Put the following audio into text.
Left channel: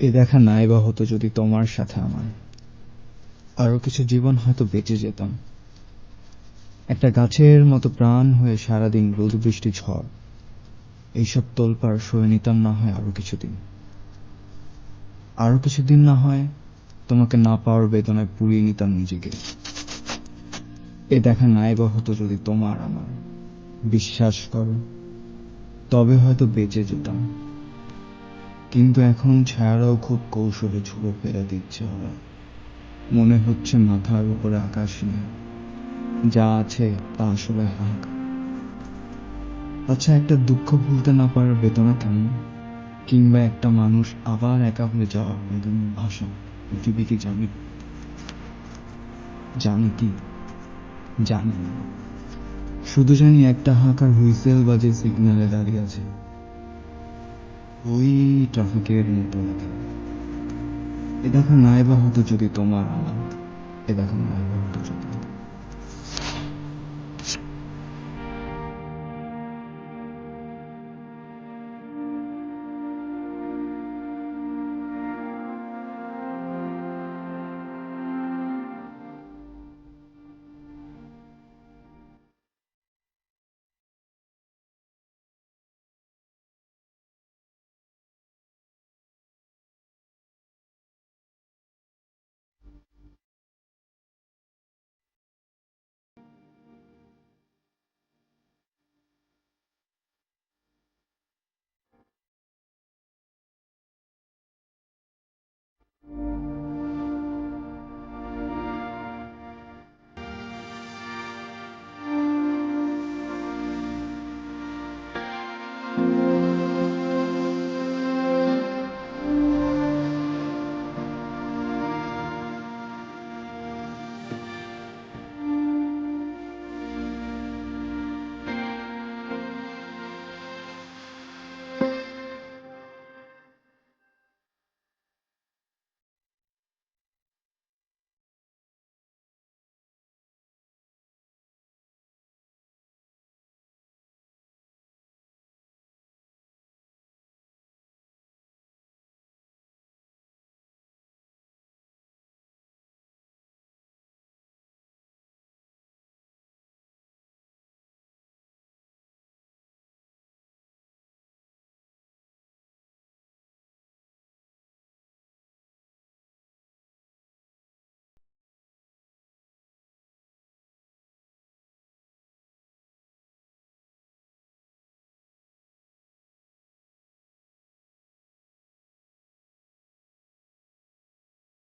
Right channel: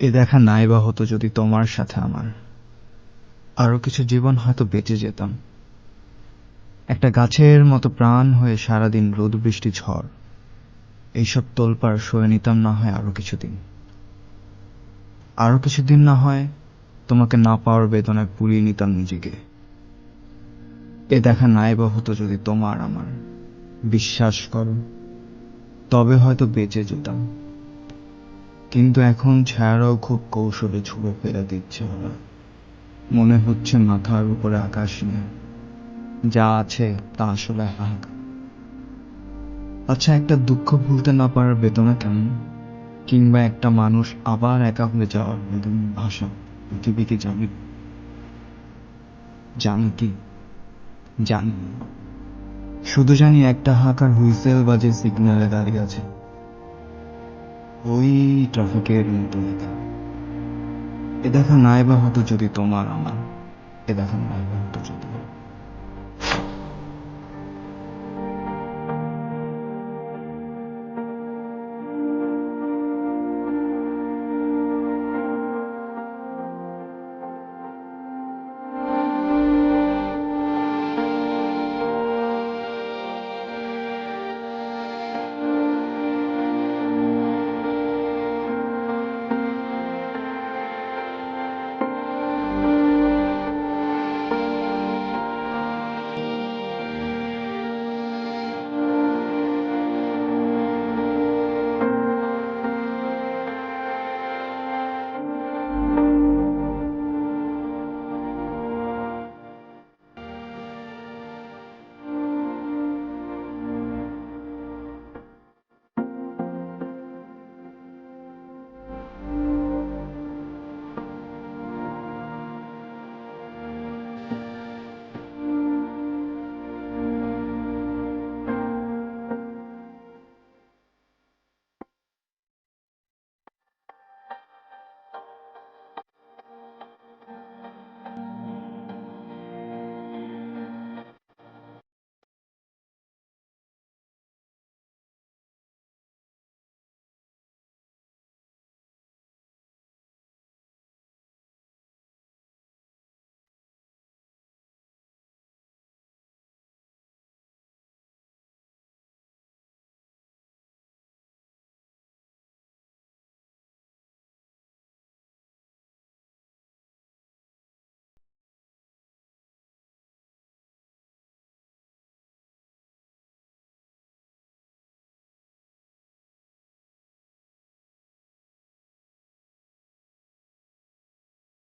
এ দেখা নাই বা হতো যদি তোমার সাথে আমার আরো কিছু জীবন হয়তো বেঁচে যেতাম। একটা গাছের মতো প্রাণ হয়ে সারাদিন রোদ বৃষ্টি ঝড় এইসব তোলপাড় সয়ে নিতাম না হয় আরো কিছুদিন না হয় তোমাকে না পাওয়ার বেদনায় পুড়িয়ে নিতাম নিজেকে। এ দেখা নাই বা হতো যদি তোমার আমার বিশ্বাস করো, তবে হয়তো বেঁচে যেতাম। কিন্তু এখন ছায়ারাও খুব কৌশলে ছুঁড়ে ফেলে দিচ্ছে ওরা। মনে হচ্ছে মাথার উপরে আকাশ নেই, যা আছে তা আসলে হাহাকার। আচ্ছা, একটা দুঃখ ভুলতে না পারার বেদনা কেমন, কিংবা একটা মানুষ আবার একা হয়ে যাওয়ার বেদনার ভাষা পৃথিবী কি জানি? জানি কি? জানি না। শুধু জানি একটা হাহাকার হুইসেল বাজে সিগন্যালে দাঁড়িয়ে আছে, ওই ট্রাফিকের মতো দেখা। এ দেখা নাই বা হতো যদি তোমার আমার, এ দেখা নাই বা হতো যদি